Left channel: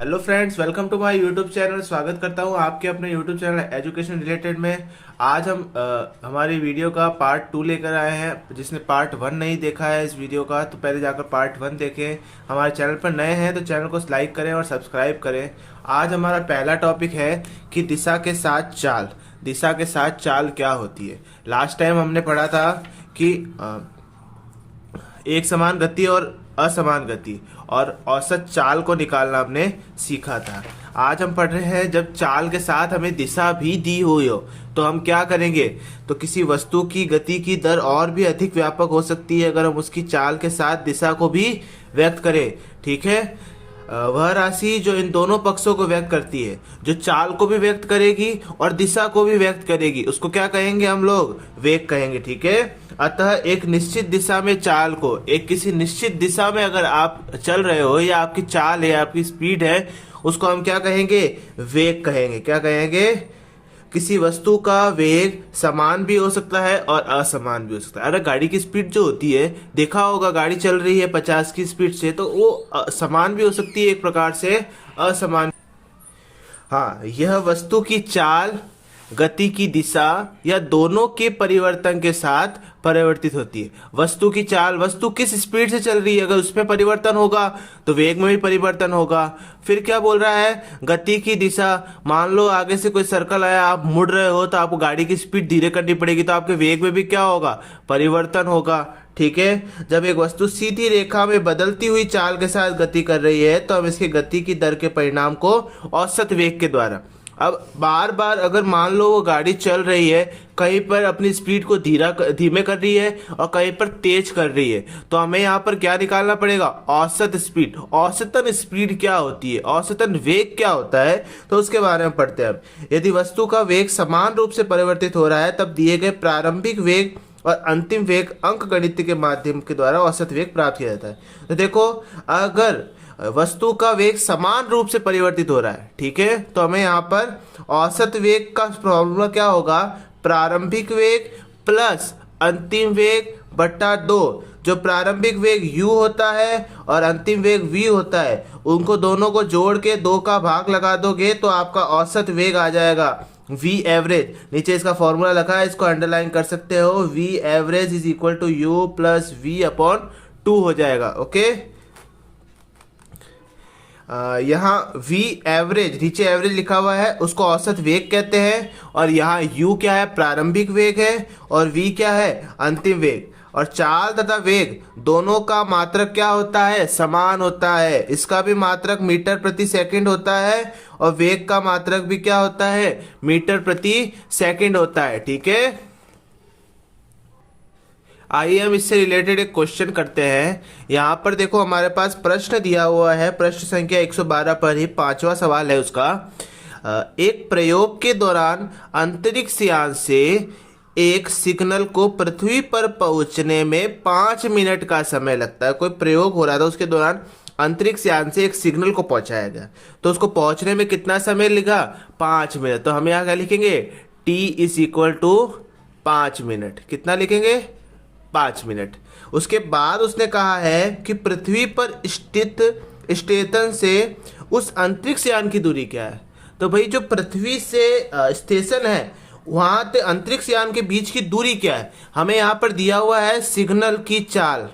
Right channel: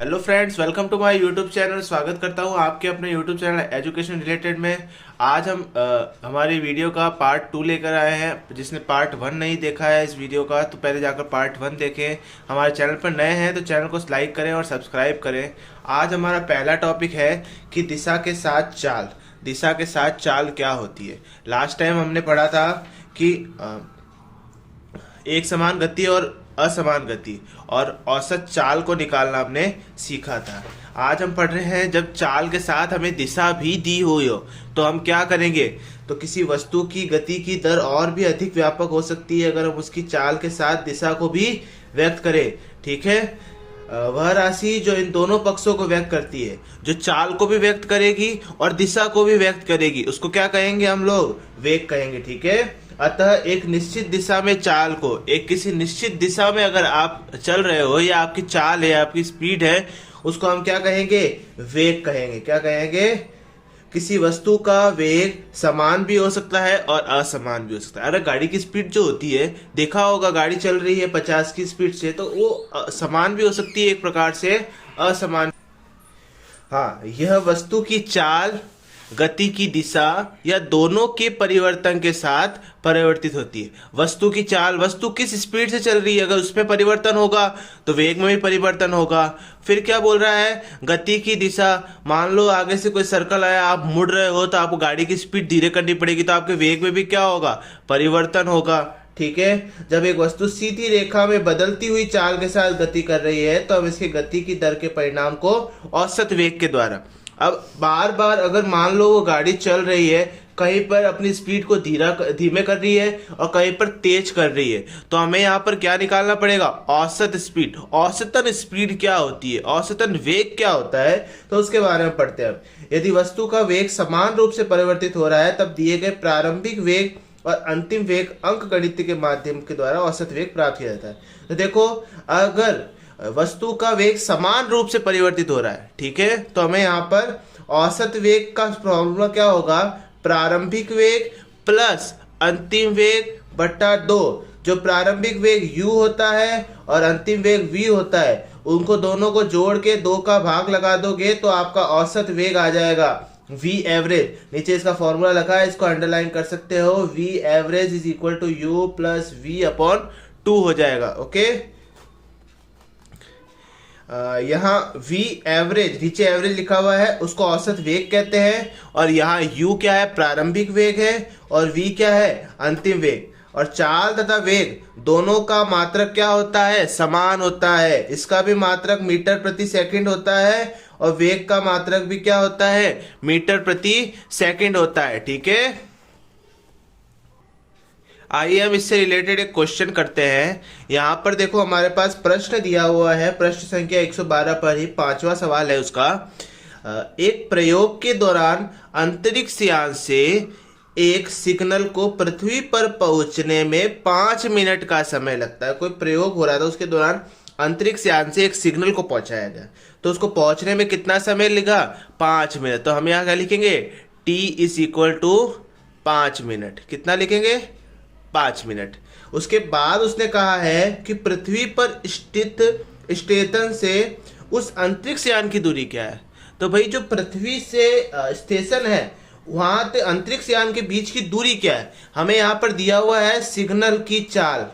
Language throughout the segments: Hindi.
Hello friends, welcome to my YouTube channel. स्वागत करता हूं आपके अपने यूट्यूब चैनल एजुकेशन रिलेटेड में। आज हम हमारी वीडियो का पार्ट 2 लेकर आए हैं। जिसने पार्ट 1 नहीं देखा है इस वीडियो का तो पहले जाकर पार्ट 1 देखें। हमारे चैनल पर नए हैं तो चैनल को लाइक करें और सब्सक्राइब करें। आज हमारा पहला टॉपिक है कि दिशा के साथ चाल। दिशा के साथ चाल क्या होती है। लास्ट टाइम हमने पढ़ा था कि एक समान गति और असमान गति और औसत चाल को निकालना हमने सीखा था। आज हम पढ़ रहे हैं जब चाल के साथ हमें दिशा भी दी हुई हो तो हम क्या करेंगे। तो किसी वस्तु की गति की दर और भी अधिक व्यापक हो सकती है अगर हम उसकी चाल के साथ दिशा को भी व्यक्त करें। ठीक है, वह राशि जो इन दोनों पक्षों को व्यक्त करती है, जो चाल को भी व्यक्त करेगी और दिशा को भी व्यक्त करेगी, उसको क्या कहेंगे हम लोग, वेग कहेंगे। ठीक है, अतः एक निश्चित दिशा में चाल को, एक किसी निश्चित दिशा में अगर आप चल रहे हो या आपकी चाल है, आपकी स्पीड है, उसको हम क्या कहेंगे, वेग कहेंगे। क्या कहेंगे, किसी वस्तु का वेग समान भी हो सकता है और असमान भी हो सकता है। अरे गाड़ी की स्पीड जो होती है, देखा होगा गाड़ी चल रही है 50 की स्पीड से, तो वो समान भी हो सकती है एक प्रकार से, असमान। हाँ, यह वस्तु की चाल, गति की दिशा या दोनों के परिवर्तन के साथ परिवर्तित होती है। वस्तु की चाल, वस्तु किस स्पीड से चल रही है, अगर उसमें परिवर्तन होगा तो वेग में भी परिवर्तन होगा। फिर क्या बोल रहा है, गति की दिशा। मान लो आगे से कोई सर्कल आया, आप मुड़ रहे हो तो आपको गाड़ी की स्पीड धीरे करनी पड़ेगी, तो आपके वेग में भी क्या होगा, परिवर्तन होगा। ठीक है, जब एक वस्तु सीधी रेखा में बदलती हुई चाल के साथ गति कर रही है तो हम इसकी गति की दर के परिणाम को औसत वेग के द्वारा। अब बार बार अगर मान लो वो गाड़ी चल रही है, कहीं पर अपनी स्पीड को धीमे कर रही है और कहीं पर तेज कर रही है, तो हमें यहाँ पर क्या निकालना पड़ेगा, औसत स्पीड। औसतन स्पीड क्या होती है, औसतन वेग क्या होता है, तो उसके बारे में पढ़ते हैं। अब यदि वस्तु का वेग समान रूप से परिवर्तित हो रहा है तब दिए गए प्रारंभिक वेग और अंतिम वेग अंक गणित के माध्यम के द्वारा औसत वेग प्राप्त किया जाता है। तो देखो, अगर वस्तु का वेग समान रूप से परिवर्तित हो रहा है, ठीक है, तो हमें यहाँ पर औसत वेग का फॉर्मूला क्या होगा, प्रारंभिक वेग प्लस अंतिम वेग बट्टा 2। जो प्रारंभिक वेग u होता है और अंतिम वेग v होता है, उनको दोनों को जोड़ के 2 का भाग लगा दोगे तो आपका औसत वेग आ जाएगा v एवरेज। नीचे इसका फॉर्मूला लिखा है, इसको अंडरलाइन कर सकते हो। v average is equal to u plus v upon 2 हो जाएगा। ओके, यहाँ v एवरेज, नीचे एवरेज लिखा हुआ है, उसको औसत वेग कहते हैं। और यहाँ u क्या है, प्रारंभिक वेग है, और v क्या है, अंतिम वेग। और चाल तथा वेग दोनों का मात्रक क्या होता है, समान होता है। इसका भी मात्रक मीटर प्रति सेकंड होता है और वेग का मात्रक भी क्या होता है, मीटर प्रति सेकंड होता है। ठीक है, आइए हम इससे रिलेटेड एक क्वेश्चन करते हैं। यहाँ पर देखो हमारे पास प्रश्न दिया हुआ है, प्रश्न संख्या 112 पर ही 5वां सवाल है उसका। एक प्रयोग के दौरान अंतरिक्ष यान से एक सिग्नल को पृथ्वी पर पहुंचने में 5 मिनट का समय लगता है। कोई प्रयोग हो रहा था, उसके दौरान अंतरिक्ष यान से एक सिग्नल को पहुंचाया गया, तो उसको पहुंचने में कितना समय लगा, 5 मिनट। तो हम यहाँ क्या लिखेंगे, t is equal to 5 minute. कितना लिखेंगे, 5 मिनट। उसके बाद उसने कहा है कि पृथ्वी पर स्थित स्टेशन से उस अंतरिक्ष यान की दूरी क्या है। तो भाई जो पृथ्वी से स्टेशन है वहां से अंतरिक्ष यान के बीच की दूरी क्या है, हमें यहां पर दिया हुआ है सिग्नल की चाल।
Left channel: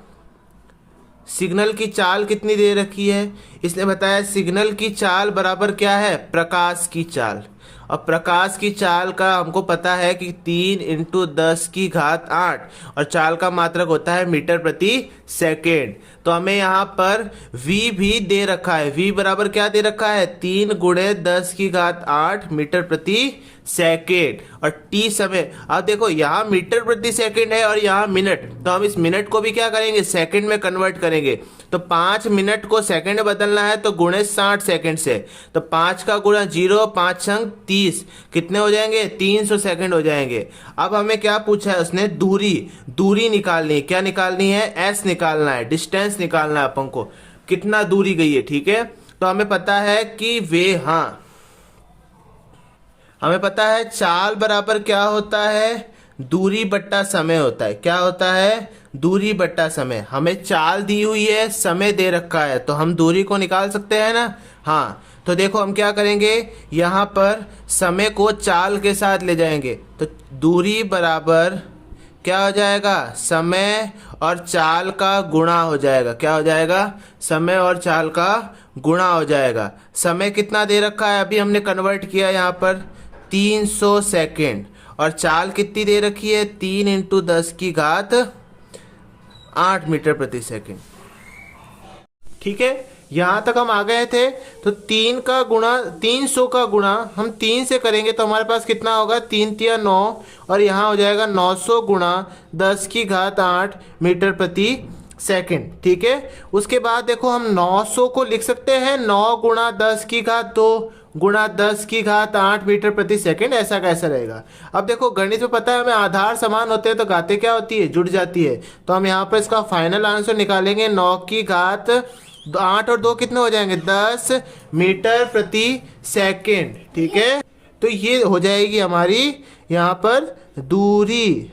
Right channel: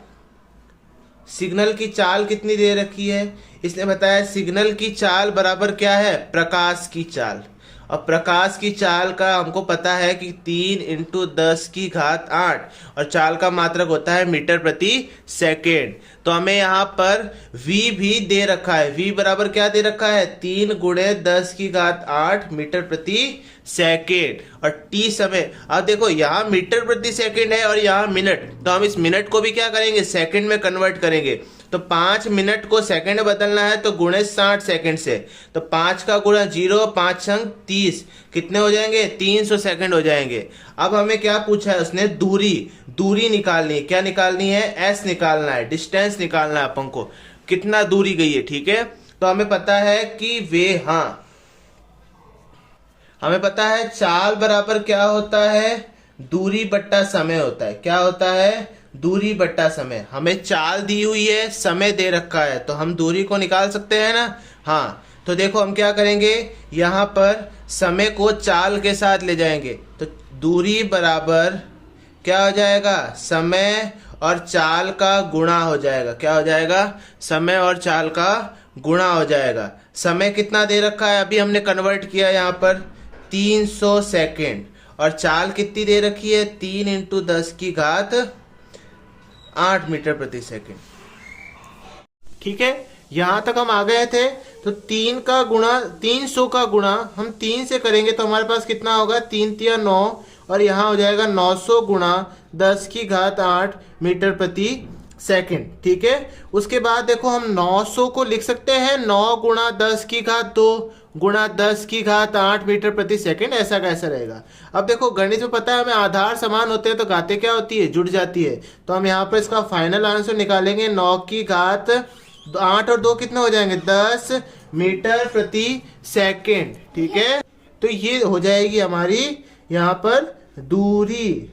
सिग्नल की चाल कितनी दे रखी है, इसने बताया सिग्नल की चाल बराबर क्या है, प्रकाश की चाल। और प्रकाश की चाल का हमको पता है कि 3 × 10⁸ और चाल का मात्रक होता है मीटर प्रति सेकेंड। तो हमें यहाँ पर v भी दे रखा है। v बराबर क्या दे रखा है, 3 × 10⁸ मीटर प्रति सेकेंड। और t समय, अब देखो यहाँ मीटर प्रति सेकेंड है और यहाँ मिनट, तो हम इस मिनट को भी क्या करेंगे, सेकेंड में कन्वर्ट करेंगे। तो 5 मिनट को सेकंड में बदलना है तो गुणे 60 सेकंड से, तो 5 का गुणा 0, 5 संग 30, कितने हो जाएंगे, 300 सेकंड हो जाएंगे। अब हमें क्या पूछा है उसने, दूरी निकालनी है। क्या निकालनी है, s निकालना है, डिस्टेंस निकालना है अपन को, कितना दूरी गई है। ठीक है, तो हमें पता है कि हमें पता है चाल बराबर क्या होता है, दूरी बट्टा समय होता है। क्या होता है, दूरी बट्टा समय। हमें चाल दी हुई है, समय दे रखा है, तो हम दूरी को निकाल सकते हैं ना। हाँ, तो देखो हम क्या करेंगे, यहाँ पर समय को चाल के साथ ले जाएंगे, तो दूरी बराबर क्या हो जाएगा, समय और चाल का गुणा हो जाएगा। क्या हो जाएगा, समय और चाल का गुणा हो जाएगा। समय कितना दे रखा है, अभी हमने कन्वर्ट किया यहाँ पर 300 सेकेंड, और चाल कितनी दे रखी है, 3 इंटू 10 की घात 8 मीटर प्रति सेकेंड। ठीक है, यहां तक हम आ गए थे। तो 3 का गुणा 300 का गुणा हम 3 से करेंगे तो हमारे पास कितना होगा, 3 तिया 9, और यहाँ हो जाएगा 900 गुणा 10 की घात 8 मीटर प्रति सेकंड। ठीक है, उसके बाद देखो हम 900 को लिख सकते हैं 9 गुणा 10 की घात 2 गुणा 10 की घात 8 मीटर प्रति सेकंड। ऐसा कैसा रहेगा। अब देखो गणित में पता है हमें आधार समान होते हैं तो घातें क्या होती है, जुड़ जाती है। तो हम यहाँ पर इसका फाइनल आंसर निकालेंगे, 9 की घात 8 और 2 कितने हो जाएंगे, 10 मीटर प्रति सेकंड। ठीक है, तो ये हो जाएगी हमारी यहाँ पर दूरी।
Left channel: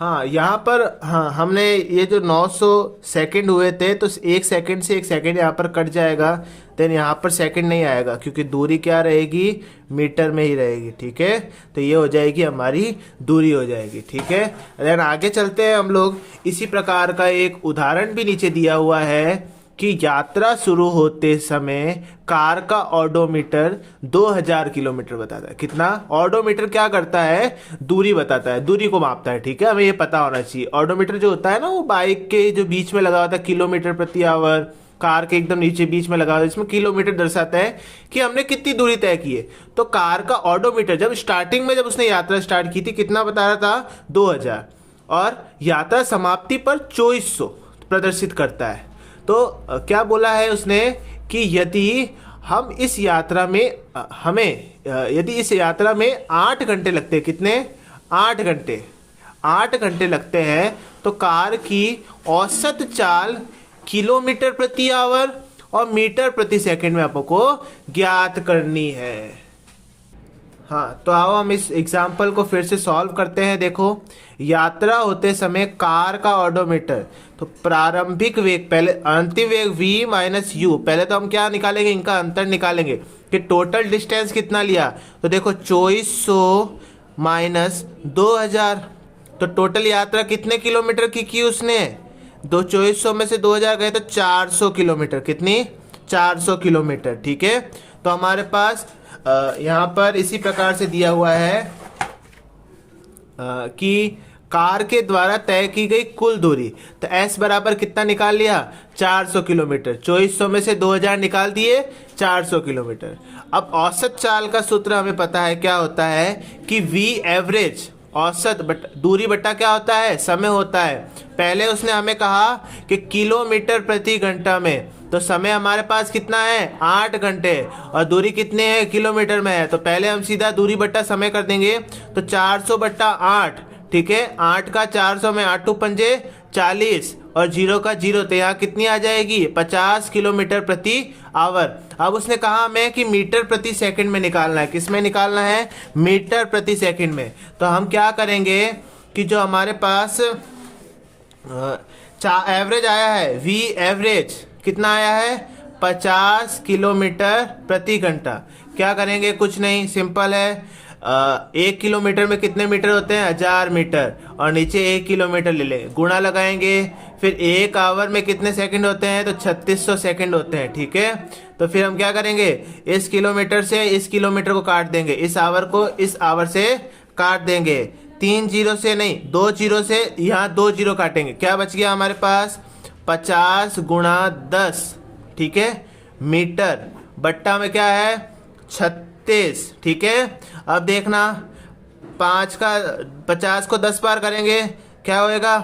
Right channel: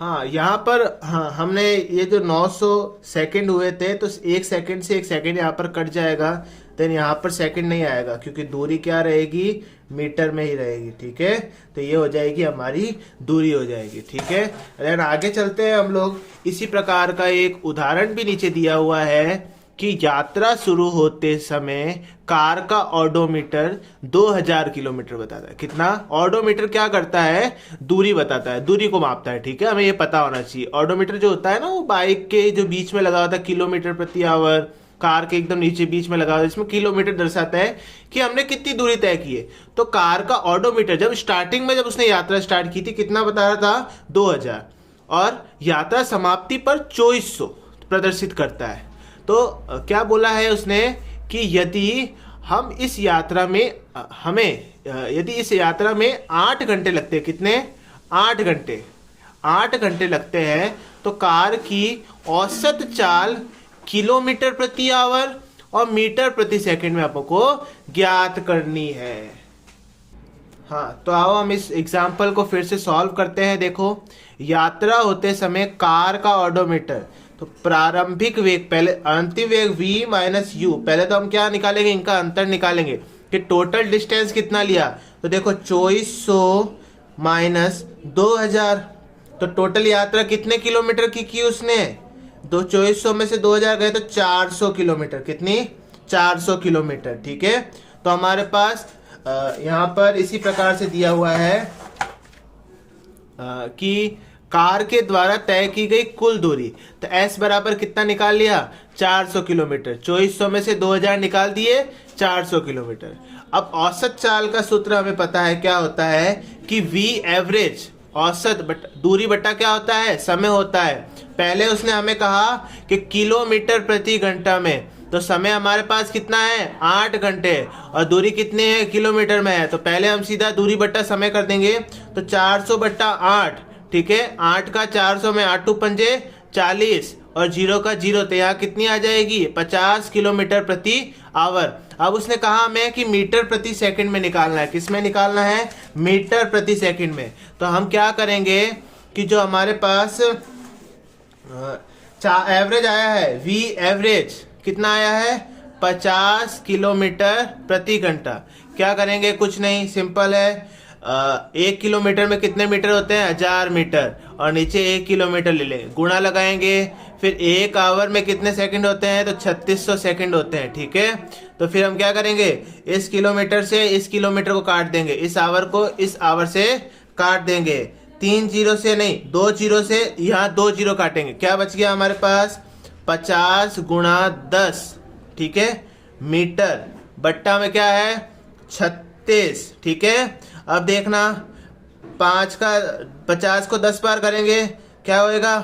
हाँ, यहाँ पर हाँ हमने ये जो 900 सेकंड हुए थे तो 1 सेकंड से 1 सेकंड यहाँ पर कट जाएगा, देन यहाँ पर सेकंड नहीं आएगा क्योंकि दूरी क्या रहेगी, मीटर में ही रहेगी। ठीक है, तो ये हो जाएगी हमारी दूरी हो जाएगी। ठीक है, देन आगे चलते हैं हम लोग। इसी प्रकार का एक उदाहरण भी नीचे दिया हुआ है कि यात्रा शुरू होते समय कार का ऑडोमीटर 2000 किलोमीटर बताता है। कितना, ऑडोमीटर क्या करता है, दूरी बताता है, दूरी को मापता है। ठीक है, हमें ये पता होना चाहिए। ऑडोमीटर जो होता है ना, वो बाइक के जो बीच में लगा होता है, किलोमीटर प्रति आवर, कार के एकदम नीचे बीच में लगा हुआ है, इसमें किलोमीटर दर्शाता है कि हमने कितनी दूरी तय की है। तो कार का ऑडोमीटर जब स्टार्टिंग में जब उसने यात्रा स्टार्ट की थी कितना बता रहा था, 2000, और यात्रा समाप्ति पर 2400 प्रदर्शित करता है। तो क्या बोला है उसने कि यदि हम इस यात्रा में यदि इस यात्रा में 8 घंटे लगते हैं, कितने, 8 घंटे लगते हैं, तो कार की औसत चाल किलोमीटर प्रति आवर और मीटर प्रति सेकंड में आपको ज्ञात करनी है। हाँ, तो आओ हम इस एग्जाम्पल को फिर से सॉल्व करते हैं। देखो, यात्रा होते समय कार का ऑडोमीटर, तो प्रारंभिक वेग, पहले अंतिम वेग v माइनस यू, पहले तो हम क्या निकालेंगे, इनका अंतर निकालेंगे कि टोटल डिस्टेंस कितना लिया। तो देखो 2400 माइनस 2000, तो टोटल यात्रा कितने किलोमीटर की उसने, 2400 में से 2000 गए तो 400 किलोमीटर, कितनी, 400 किलोमीटर। ठीक है, तो हमारे पास यहाँ पर इसी प्रकार से दिया हुआ है कि कार के द्वारा तय की गई कुल दूरी, तो S बराबर कितना निकाल लिया, 400 किलोमीटर। 2400 में से 2000 निकाल दिए, 400 किलोमीटर। अब औसत चाल का सूत्र हमें पता है, क्या होता है कि V एवरेज, औसत दूरी बटा क्या होता है, समय होता है। पहले उसने हमें कहा कि किलोमीटर प्रति घंटा में, तो समय हमारे पास कितना है, 8 घंटे, और दूरी कितने है, किलोमीटर में है। तो पहले हम सीधा दूरी बट्टा समय कर देंगे, तो 400 बट्टा 8। ठीक है, 8 का 400 में 8 पंजे 40 और 0 का 0, तो यहाँ कितनी आ जाएगी, 50 किलोमीटर प्रति आवर। अब उसने कहा हमें कि मीटर प्रति सेकंड में निकालना है, किस में निकालना है, मीटर प्रति सेकंड में। तो हम क्या करेंगे कि जो हमारे पास एवरेज आया है, वी एवरेज कितना आया है, 50 किलोमीटर प्रति घंटा, क्या करेंगे, कुछ नहीं, सिंपल है। 1 किलोमीटर में कितने मीटर होते हैं, 1000 मीटर, और नीचे 1 किलोमीटर ले लेंगे, गुणा लगाएंगे। फिर 1 आवर में कितने सेकंड होते हैं, तो 3600 सेकंड होते हैं। ठीक है, तो फिर हम क्या करेंगे, इस किलोमीटर से इस किलोमीटर को काट देंगे, इस आवर को इस आवर से काट देंगे, 3 जीरो से नहीं, 2 जीरो से यहाँ 2 जीरो काटेंगे, क्या बच गया हमारे पास, 50 गुणा 10। ठीक है, मीटर बट्टा में क्या है, 36। ठीक है, अब देखना 50 को 10 बार करेंगे, क्या होएगा,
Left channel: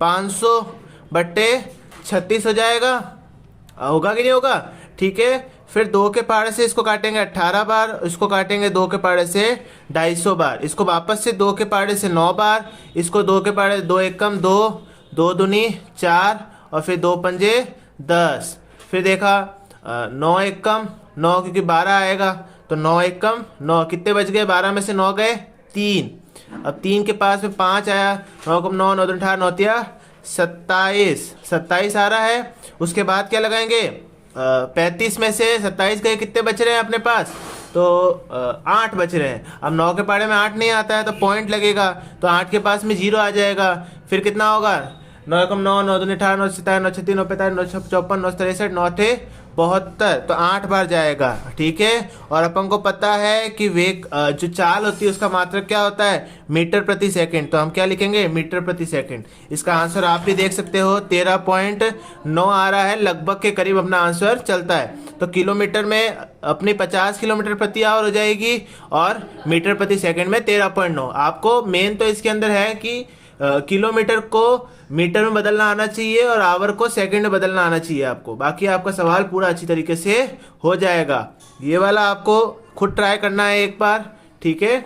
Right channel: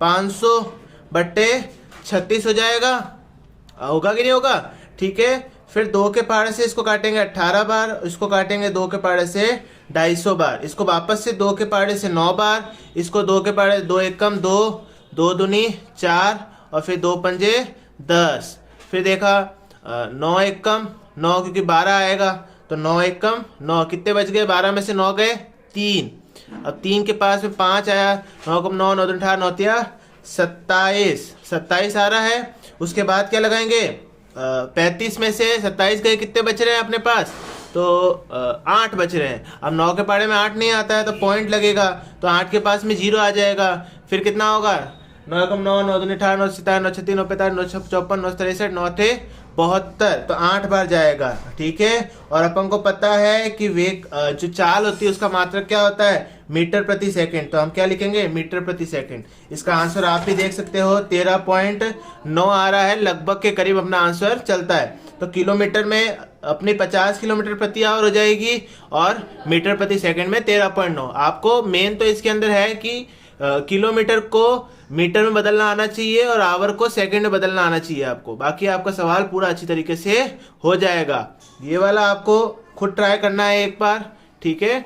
500 बट्टे 36 हो जाएगा, होगा कि नहीं होगा। ठीक है, फिर 2 के पहाड़े से इसको काटेंगे 18 बार, इसको काटेंगे 2 के पहाड़े से 250 बार, इसको वापस से 2 के पहाड़े से 9 बार, इसको 2 के पहाड़े 2 एकम 2, 2 दूनी 4, और फिर 2 पंजे 10। फिर देखा 9 एकम 9, क्योंकि 12 आएगा, तो 9 एकम 9, कितने बच गए, 12 में से 9 गए 3। अब 3 के पास में 5 आया, 9 कम 9, 9 18, 9 27, 27 आ रहा है। उसके बाद क्या लगाएंगे, 35 में से 27 गए, कितने बच रहे हैं अपने पास? तो 8 बच रहे हैं। अब 9 के पारे में 8 नहीं आता है तो पॉइंट लगेगा, तो 8 के पास में 0 आ जाएगा। फिर कितना होगा? 9 एकम 9, 9 दूनी 18, 9 सत्ताईस, 9 छत्तीस, 9 पैंतालीस, 9 54, 9 63, 9 थे 72, तो 8 बार जाएगा। ठीक है। और अपन को पता है कि वेग जो चाल होती है उसका मात्रक क्या होता है? मीटर प्रति सेकंड। तो हम क्या लिखेंगे? मीटर प्रति सेकंड। इसका आंसर आप भी देख सकते हो 13.9 आ रहा है, लगभग के करीब अपना आंसर चलता है। तो किलोमीटर में अपनी 50 किलोमीटर प्रति आवर हो जाएगी और मीटर प्रति सेकंड में 13.9। आपको मेन तो इसके अंदर है कि किलोमीटर को मीटर में बदलना आना चाहिए और आवर को सेकंड में बदलना आना चाहिए आपको। बाकी आपका सवाल पूरा अच्छी तरीके से हो जाएगा। ये वाला आपको खुद ट्राई करना है एक बार। ठीक है।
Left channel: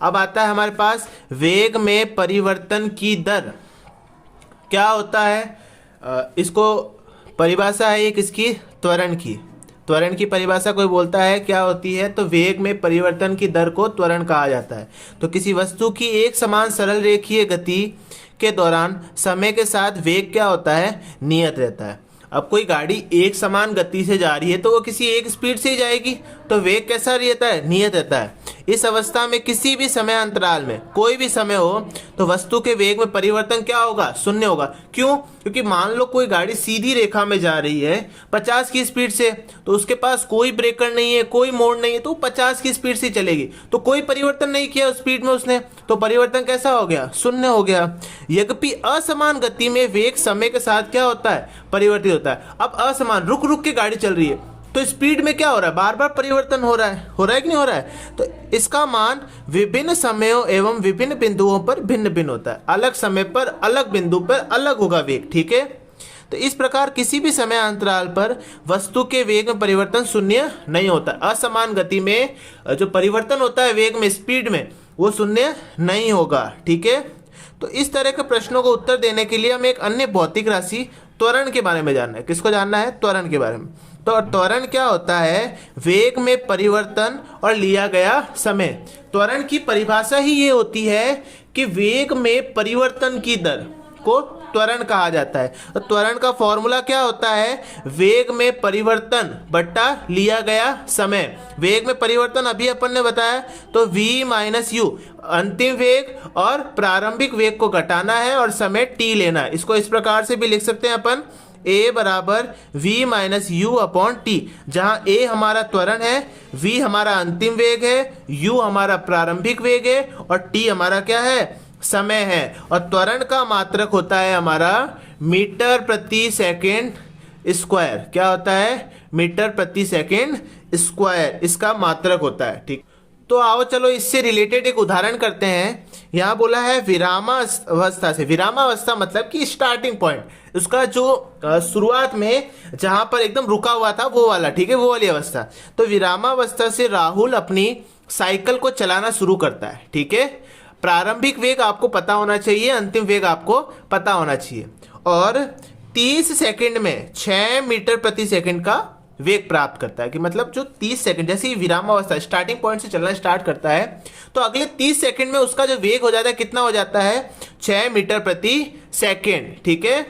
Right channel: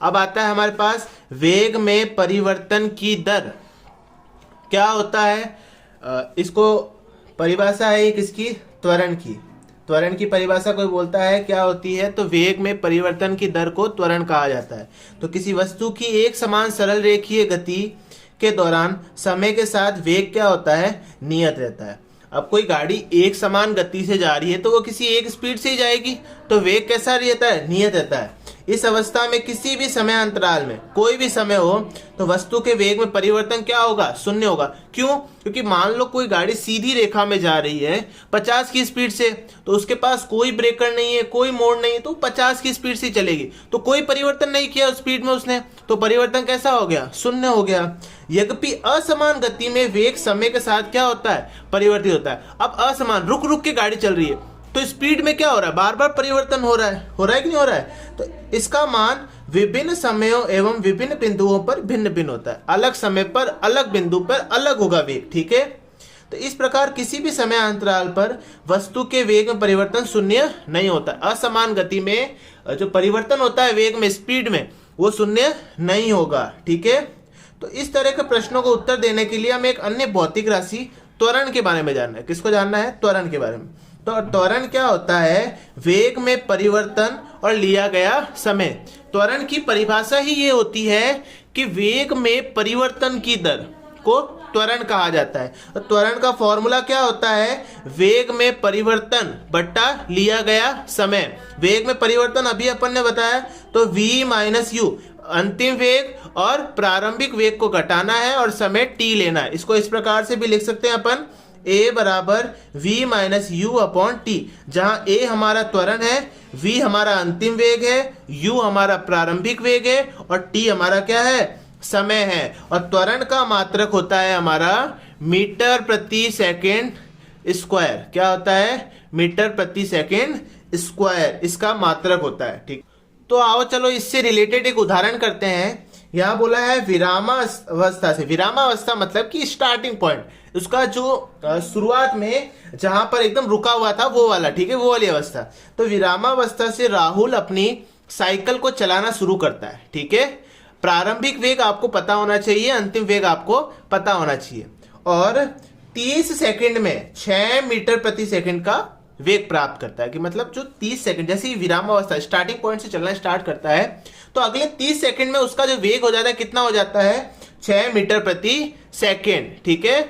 अब आता है हमारे पास वेग में परिवर्तन की दर क्या होता है। इसको परिभाषा है एक इसकी त्वरण की। त्वरण की परिभाषा कोई बोलता है क्या होती है, तो वेग में परिवर्तन की दर को त्वरण कहा जाता है। तो किसी वस्तु की एक समान सरल रेखीय गति के दौरान समय के साथ वेग क्या होता है? नियत रहता है। अब कोई गाड़ी एक समान गति से जा रही है तो वो किसी एक स्पीड से ही जाएगी, तो वेग कैसा रहता है? नियत रहता है। इस अवस्था में किसी भी समय अंतराल में कोई भी समय हो तो वस्तु के वेग में परिवर्तन क्या होगा? शून्य होगा। क्यों? क्योंकि मान लो कोई गाड़ी सीधी रेखा में जा रही है 50 की स्पीड से, तो उसके पास कोई ब्रेकर नहीं है, कोई मोड़ नहीं है, तो 50 की स्पीड से चलेगी, तो कोई परिवर्तन नहीं किया उस स्पीड में उसने, तो परिवर्तन कैसा हो गया? शून्य हो गया। यद्यपि असमान गति में वेग समय के साथ क्या होता है? परिवर्तित होता है। अब असमान रुक रुक के गाड़ी चल रही है तो स्पीड में क्या हो रहा है? बार बार परिवर्तन हो रहा है कि नहीं हो रहा है? तो इसका मान विभिन्न समयों एवं विभिन्न बिंदुओं पर भिन्न भिन्न होता है। अलग समय पर अलग बिंदु पर अलग होगा वेग। ठीक है। तो इस प्रकार किसी भी समय अंतराल पर वस्तु के वेग में परिवर्तन शून्य नहीं होता। असमान गति में जो परिवर्तन होता है वेग में, स्पीड में, वो शून्य नहीं होगा। ठीक है। तो इस तरह के प्रश्नों को उत्तर देने के लिए हमें एक अन्य भौतिक राशि त्वरण के बारे में जानना है। किसको जानना है? त्वरण के बारे में। तो त्वरण क्या होता है? वेग में परिवर्तन और लिया गया समय। त्वरण की परिभाषा ही ये होती है कि वेग में परिवर्तन की दर को त्वरण कहा जाता है। तो त्वरण का फॉर्मूला क्या होता है? वेग में परिवर्तन बट्टा लिया गया समय। वेग में परिवर्तन अभी अपन ने बताया, तो v माइनस यू, अंतिम वेग और प्रारंभिक वेग को घटाना है और समय t लेना है। इसको इस प्रकार से भी लिख सकते हैं अपन, a बराबर v minus you upon T, जहां a हमारा त्वरण है, v हमारा अंतिम वेग है, u हमारा प्रारंभिक वेग है और t हमारा क्या है? समय है। और त्वरण का मात्रक होता है हमारा मीटर प्रति सेकेंड स्क्वायर। क्या होता है? मीटर प्रति सेकेंड स्क्वायर इसका मात्रक होता है। ठीक। तो आओ चलो इससे रिलेटेड एक उदाहरण करते हैं। यहाँ बोला है विरामावस्था से। विरामावस्था मतलब कि स्टार्टिंग पॉइंट, उसका जो शुरुआत में जहां पर एकदम रुका हुआ था वो वाला। ठीक है, वो वाली अवस्था। तो विरामावस्था से राहुल अपनी साइकिल को चलाना शुरू करता है। ठीक है। प्रारंभिक वेग आपको पता होना चाहिए, अंतिम वेग आपको पता होना चाहिए, और 30 सेकंड में 6 मीटर प्रति सेकंड का वेग प्राप्त करता है। कि मतलब जो 30 सेकंड, जैसे ही विरामावस्था स्टार्टिंग पॉइंट से चलना स्टार्ट करता है तो अगले 30 सेकंड में उसका जो वेग हो जाता है कितना हो जाता है? 6 मीटर प्रति सेकंड। ठीक है।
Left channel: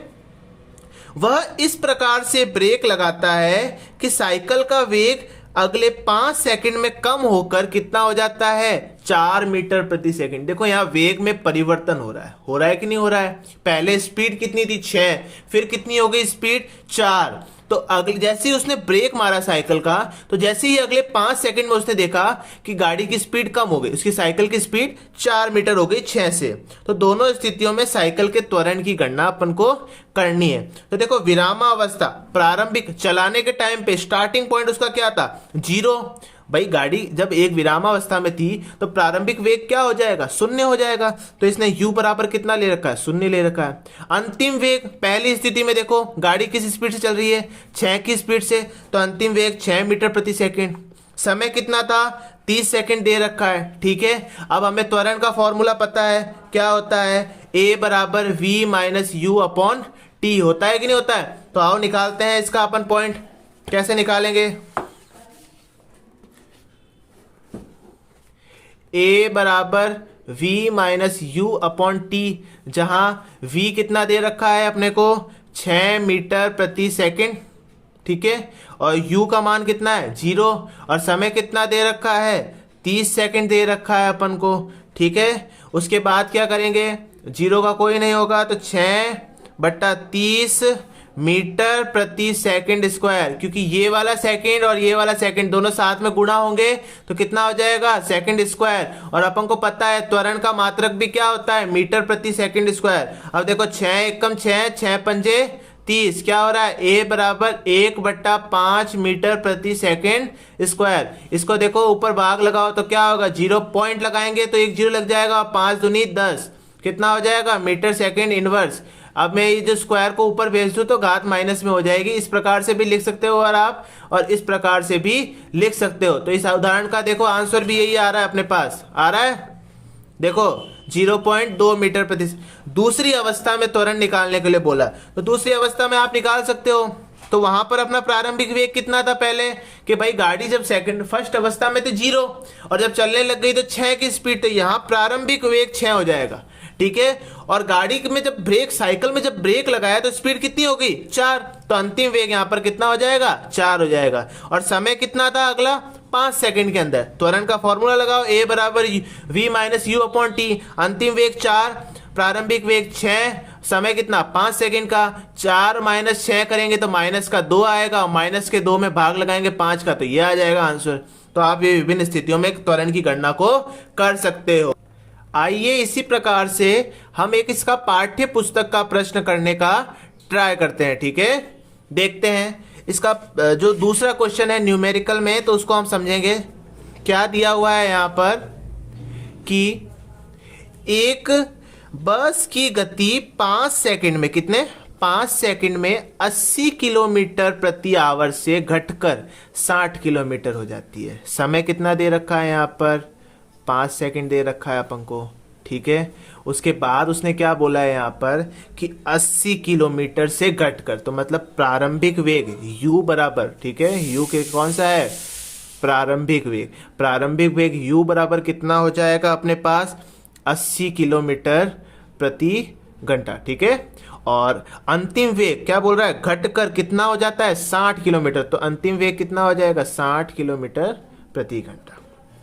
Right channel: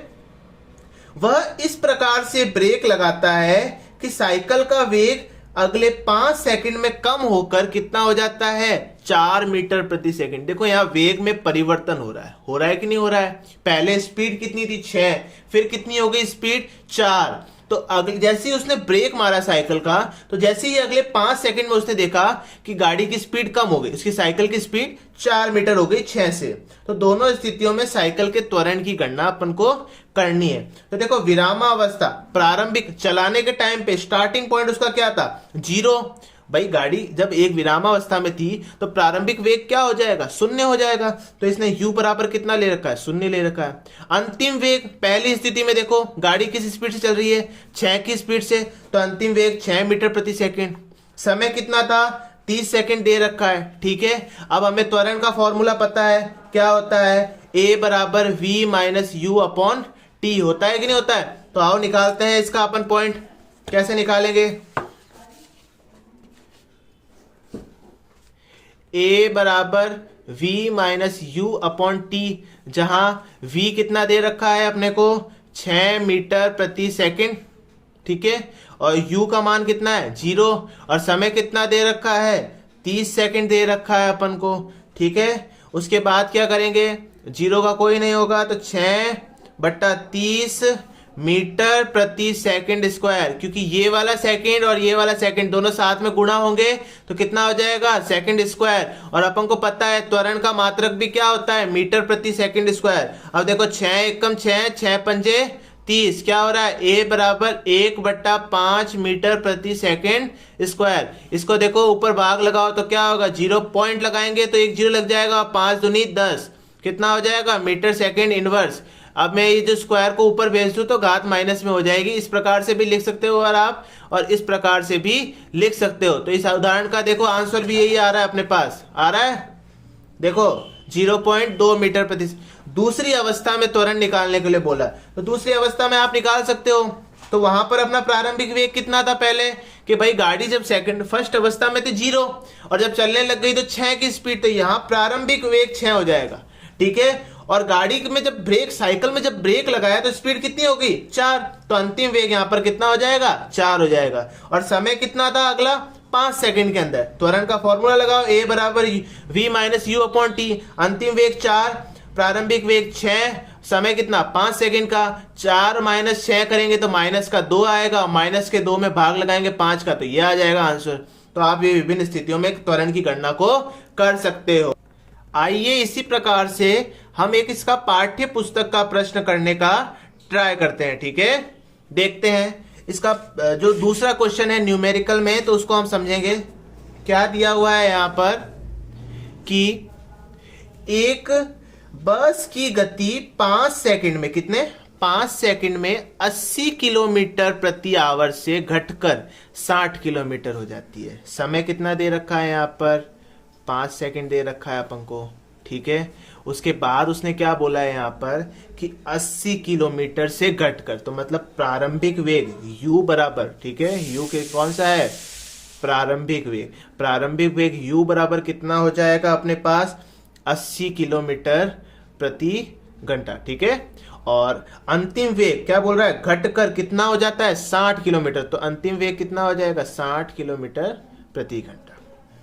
वह इस प्रकार से ब्रेक लगाता है कि साइकिल का वेग अगले 5 सेकंड में कम होकर कितना हो जाता है? 4 मीटर प्रति सेकंड। देखो यहाँ वेग में परिवर्तन हो रहा है कि नहीं हो रहा है? पहले स्पीड कितनी थी? 6, फिर कितनी हो गई स्पीड? 4। तो अगले जैसे ही उसने ब्रेक मारा साइकिल का, तो जैसे ही अगले 5 सेकंड में उसने देखा कि गाड़ी की स्पीड कम हो गई, उसकी साइकिल की स्पीड 4 मीटर हो गई 6 से। तो दोनों स्थितियों में साइकिल के त्वरण की गणना अपन को करनी है। तो देखो विरामावस्था, प्रारंभिक चलाने के टाइम पे स्टार्टिंग पॉइंट उसका क्या था? 0। भाई गाड़ी जब एक विरामावस्था में थी तो प्रारंभिक वेग क्या हो जाएगा? शून्य हो जाएगा। तो इसने u बराबर कितना ले रखा है? शून्य ले रखा है। अंतिम वेग, पहली स्थिति में देखो गाड़ी किस स्पीड से चल रही है? 6 की स्पीड से, तो अंतिम वेग 6 मीटर प्रति सेकंड। समय कितना था? 30 सेकंड दे रखा है। ठीक है। अब हमें त्वरण का फॉर्मूला पता है, क्या होता है? a बराबर v minus you upon T. होता है कि नहीं होता है? तो आओ निकालते हैं इसका अपन पॉइंट। कैसे निकालेंगे? a बराबर v minus you upon T, जहां v कितना दे रखा है अपने को? 6 मीटर प्रति सेकंड। ठीक है, और u का मान कितना है 0, और समय कितना दे रखा है 30 सेकंड दे रखा है अपन को, ठीक है। उसके बाद क्या करेंगे, 0 का कोई नहीं होगा तो 6/30 मीटर प्रति सेकंड स्क्वायर, क्योंकि ये वाला सेकंड और ये वाला सेकंड दोनों साथ में गुणा होंगे तो कितना हो जाएगा सेकंड स्क्वायर, और अपन को पता है त्वरण का मात्रक भी क्या होता है मीटर प्रति सेकंड स्क्वायर। अब देखो 6 एकम 6, 6 पंजे 30, क्या हो रहा है a बराबर 1/5 मीटर प्रति सेकंड स्क्वायर। इसको देखो ऊपर भाग लगाओ तो क्या होगा, 0 पॉइंट लगाएंगे तो 1 0 लग जाएगा, 5 दूनी 10, कितना हो जाएगा मीटर सेकंड इनवर्स। अब मैं ये जो स्क्वायर को ऊपर भेज दूं तो घात माइनस में हो जाएगी। इस प्रकार से भी लिख सकते हो और आप, और इस प्रकार से भी लिख सकते हो। तो इस उदाहरण का देखो आंसर भी यही आ रहा है, अपने पास आ रहा है, देखो 0.2 मीटर प्रति। दूसरी अवस्था में त्वरण निकालने के लिए बोला, तो दूसरी अवस्था में आप निकाल सकते हो। तो वहां पर अपना प्रारंभिक वेग कितना था पहले, कि भाई गाड़ी जब फर्स्ट अवस्था में तो 0 और जब चलने लग गई तो 6 की स्पीड, तो यहाँ प्रारंभिक वेग 6 हो जाएगा, ठीक है। और गाड़ी में जब ब्रेक, साइकिल में जब ब्रेक लगाया तो स्पीड कितनी हो गई 4, तो अंतिम वेग यहाँ पर कितना हो जाएगा 4 हो जाएगा। और समय कितना था अगला 5 सेकंड के अंदर। त्वरण का फॉर्मूला लगाओ, a बराबर v minus you upon T, अंतिम वेग 4, प्रारंभिक वेग 6, समय कितना 5 सेकंड का, 4 माइनस 6 करेंगे तो माइनस का 2 आएगा, माइनस के 2 में भाग लगाएंगे 5 का, तो ये आ जाएगा आंसर। तो आप ये विभिन्न स्थितियों में त्वरण की गणना को कर सकते हो। आइए इसी प्रकार से हम एक इसका पाठ्य पुस्तक का प्रश्न करने का ट्राई करते हैं, ठीक है। देखते हैं इसका जो दूसरा क्वेश्चन है न्यूमेरिकल में, तो उसको हम समझेंगे। क्या दिया हुआ है यहाँ पर कि एक बस की गति 5 सेकंड में, कितने 5 सेकंड में 80 किलोमीटर प्रति आवर से घटकर 60 किलोमीटर हो जाती है। समय कितना दे रखा है यहाँ पर 5 सेकंड दे रखा है अपन को, ठीक है। उसके बाद उसने क्या बोला है यहाँ पर कि 80 किलोमीटर से घटकर, तो मतलब प्रारंभिक वेग u बराबर, ठीक है, u के कौन सा है प्रारंभिक वेग, प्रारंभिक वेग u बराबर कितना हो जाएगा अपने पास 80 किलोमीटर प्रति घंटा, ठीक है। और अंतिम वेग क्या बोल रहा है घटकर कितना हो जाता है 60 किलोमीटर, तो अंतिम वेग कितना हो जाएगा 60 किलोमीटर प्रति घंटा।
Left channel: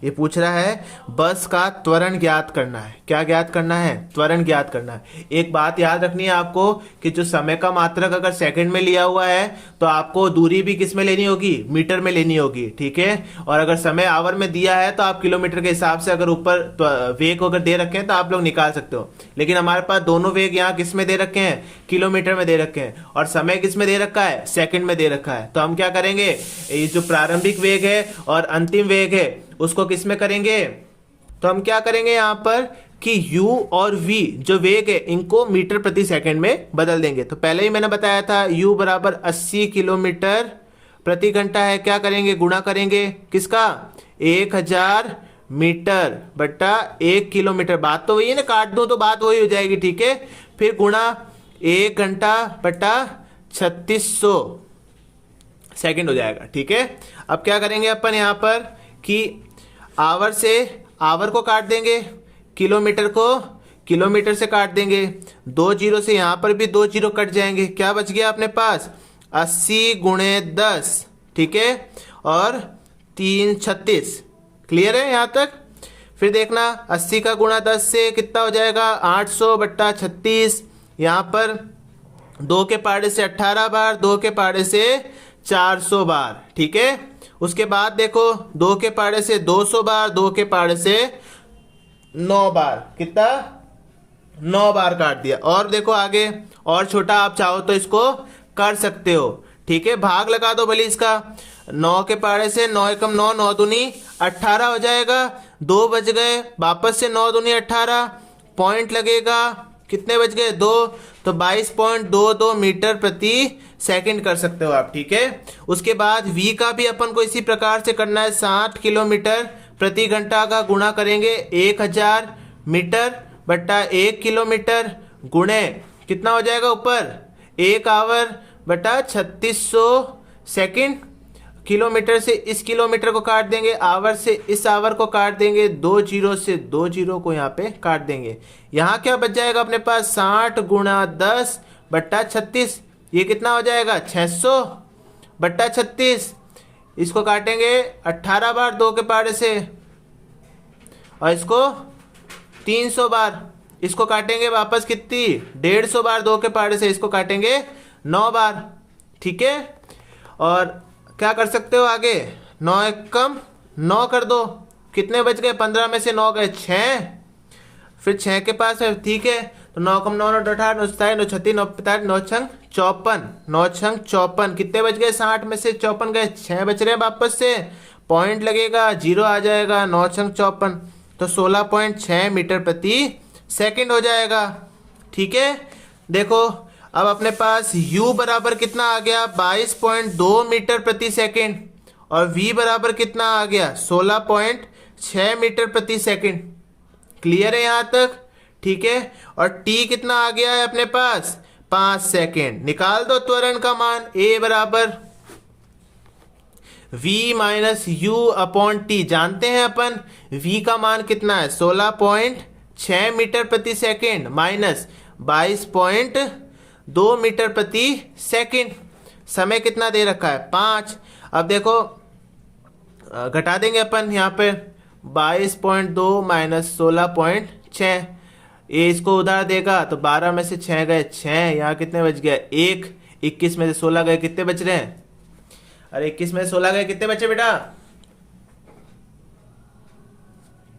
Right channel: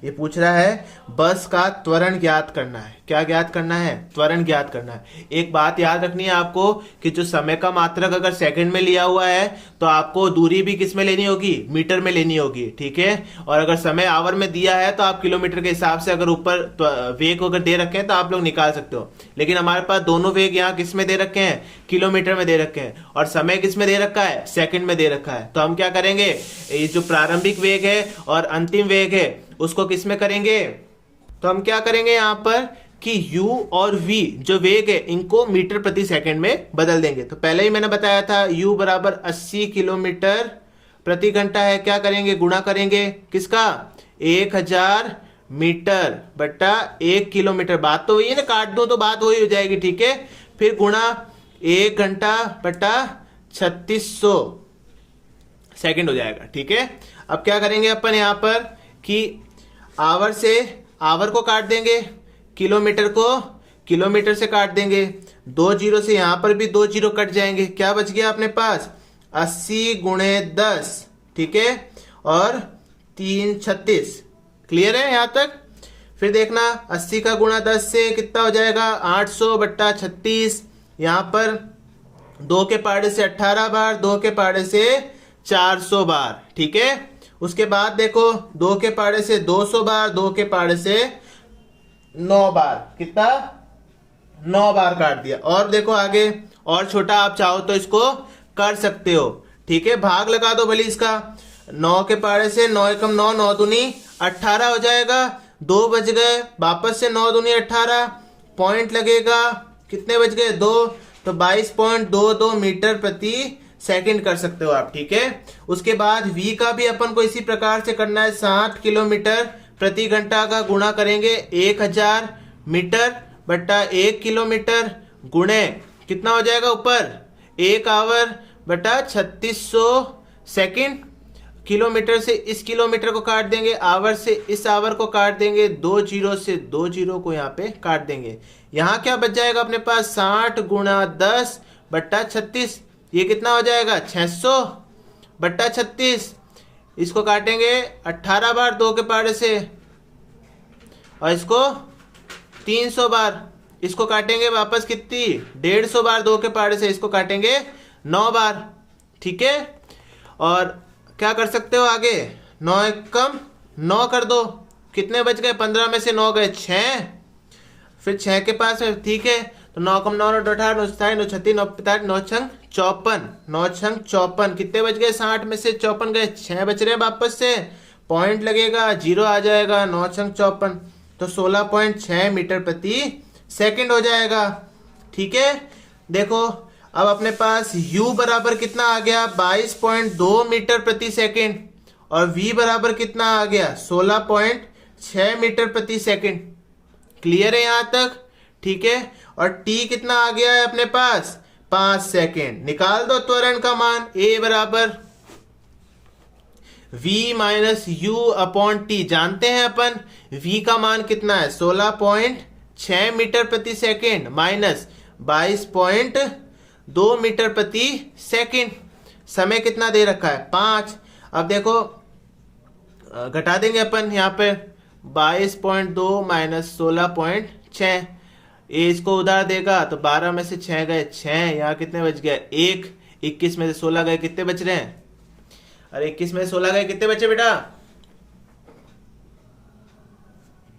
ये पूछ रहा है बस का त्वरण ज्ञात करना है। क्या ज्ञात करना है, त्वरण ज्ञात करना है। एक बात याद रखनी है आपको कि जो समय का मात्रक अगर सेकंड में लिया हुआ है तो आपको दूरी भी किस में लेनी होगी, मीटर में लेनी होगी, ठीक है। और अगर समय आवर में दिया है तो आप किलोमीटर के हिसाब से, अगर ऊपर वेग अगर दे रखे हैं तो आप लोग निकाल सकते हो। लेकिन हमारे पास दोनों वेग यहाँ किस में दे रखे हैं, किलोमीटर में दे रखे हैं, और समय किस में दे रखा है सेकंड में दे रखा है। तो हम क्या करेंगे, ये जो प्रारंभिक वेग है और अंतिम वेग है उसको किस में करेंगे, तो हम क्या करेंगे यहाँ पर कि u और v जो वेग है इनको मीटर प्रति सेकंड में बदल देंगे। तो पहले ही मैंने बताया था u बराबर 80 किलोमीटर प्रति घंटा है, क्या करेंगे गुणा करेंगे किसका 1000 मीटर बटा 1 किलोमीटर, बात तो वही है ना, काट दो तो बात वही हो जाएगी, ठीक है। फिर गुणा 1 घंटा बटा 3600 सेकंड हो जाएगा, ठीक है। अब क्या करेंगे अपन यहाँ पर कि आवर से आवर को काट देंगे, किलोमीटर को किलोमीटर से काट देंगे, 2 जीरो से यहां पर भी 2 जीरो कट जाएंगे, क्या बच गया अपने पास 80 गुणे 10, ठीक है, और 3 36। क्लियर है यहां तक। फिर देखना 80 का गुणा 10 से कितना हो जाएगा 800 बट्टा 36, यहां पर 2 के पाड़े से 18 बार, 2 के पाड़े से 400 बार, ठीक है। उसके बाद देखो 2 के पाड़े से 200 बार, 2 के पाड़े से 9 बार, कितना 9 बार काट दिया। और देखो आगे और छोटा आप चाहो तो इसको कर सकते हो, ठीक है। भाग लगा दो भले इसका, 9 के पाड़े से 9 एकम 9, 9 दूनी 18 हो जाएगा, 2 बच गए, वापस से 9 दूनी 18, पॉइंट लगेगा, कितने बच गए 2, तो 22.22 मीटर प्रति सेकंड कर सकते हो आप, ठीक है। उसके बाद v का भी अपन को इसी प्रकार से करना है, 60 किलोमीटर प्रति घंटा का गुणा करेंगे 1000 मीटर बट्टा 1 किलोमीटर गुणे कितना हो जाएगा ऊपर 1 आवर बटा 3600 सेकंड। किलोमीटर से इस किलोमीटर को काट देंगे, आवर से इस आवर को काट देंगे, 2 जीरो से 2 जीरो को यहाँ पे काट देंगे। यहाँ क्या बच जाएगा अपने पास 60 गुणा 10 बट्टा 36, ये कितना हो जाएगा 600 बट्टा 36, इसको काटेंगे 18 बार 2 के पारे से, और इसको 300 बार, इसको काटेंगे वापस कितनी 150 बार 2 के पारे से, इसको काटेंगे 9 बार। ठीक है, और क्या कर सकते हो आगे, 9 एक कम 9 कर दो, कितने बच गए, 15 में से 9 गए 6, फिर 6 के पास है। ठीक है, तो 9 कम 9 18 9 27 9 36 9 45 9 छंग 54, 9 छंग 54, कितने बच गए, 60 में से 54 गए, 6 बच रहे हैं वापस से, पॉइंट लगेगा, जीरो आ जाएगा, 9 छंग 54, तो 16.6 मीटर प्रति सेकंड हो जाएगा। ठीक है, देखो अब अपने पास u बराबर कितना आ गया, 22.2 मीटर प्रति सेकंड, और v बराबर कितना आ गया, 16.6 मीटर प्रति सेकंड। क्लियर है यहां तक? ठीक है, और t कितना आ गया है अपने पास, 5 सेकंड। निकाल दो त्वरण का मान, a बराबर v minus you upon T, जानते हैं अपन v का मान कितना है, 16.6 मीटर प्रति सेकंड माइनस 22.2 मीटर प्रति सेकंड। समय कितना दे रखा है, 5। अब देखो घटा देंगे अपन यहाँ पे, 22.2 माइनस 16.6, ये इसको उधार देगा तो 12 में से 6 गए 6, यहाँ कितने बच गया 1, 21 में से 16 गए, कितने बच रहे हैं, अरे 21 में से 16 गए, कितने बचे बेटा,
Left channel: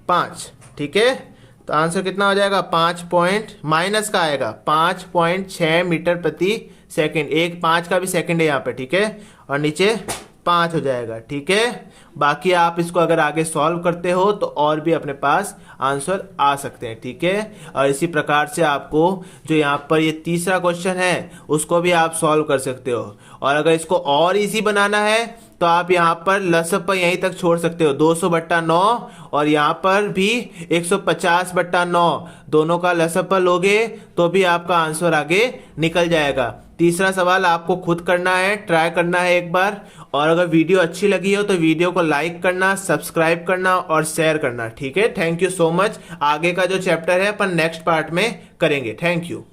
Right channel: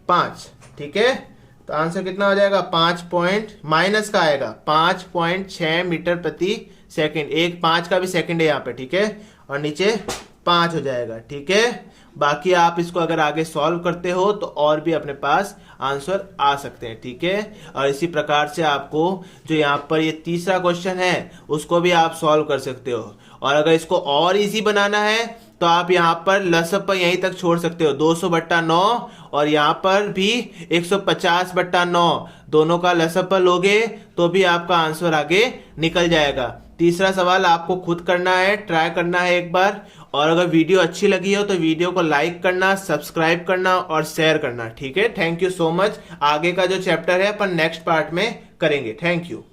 5। ठीक है, तो आंसर कितना हो जाएगा, 5 पॉइंट माइनस का आएगा 5.6 मीटर प्रति सेकंड, एक 5 का भी सेकंड है यहाँ पे। ठीक है, और नीचे 5 हो जाएगा। ठीक है, बाकी आप इसको अगर आगे सॉल्व करते हो तो और भी अपने पास आंसर आ सकते हैं। ठीक है, और इसी प्रकार से आपको जो यहाँ पर ये तीसरा क्वेश्चन है उसको भी आप सॉल्व कर सकते हो, और अगर इसको और इजी बनाना है तो आप यहाँ पर लसअप यहीं तक छोड़ सकते हो, 200/9, और यहाँ पर भी 150/9, दोनों का लसअप लोगे तो भी आपका आंसर आगे निकल जाएगा। तीसरा सवाल आपको खुद करना है, ट्राई करना है एक बार, और अगर वीडियो अच्छी लगी हो तो वीडियो को लाइक करना, सब्सक्राइब करना और शेयर करना। ठीक है, थैंक यू सो मच। आगे का जो चैप्टर है अपन नेक्स्ट पार्ट में करेंगे। Thank you.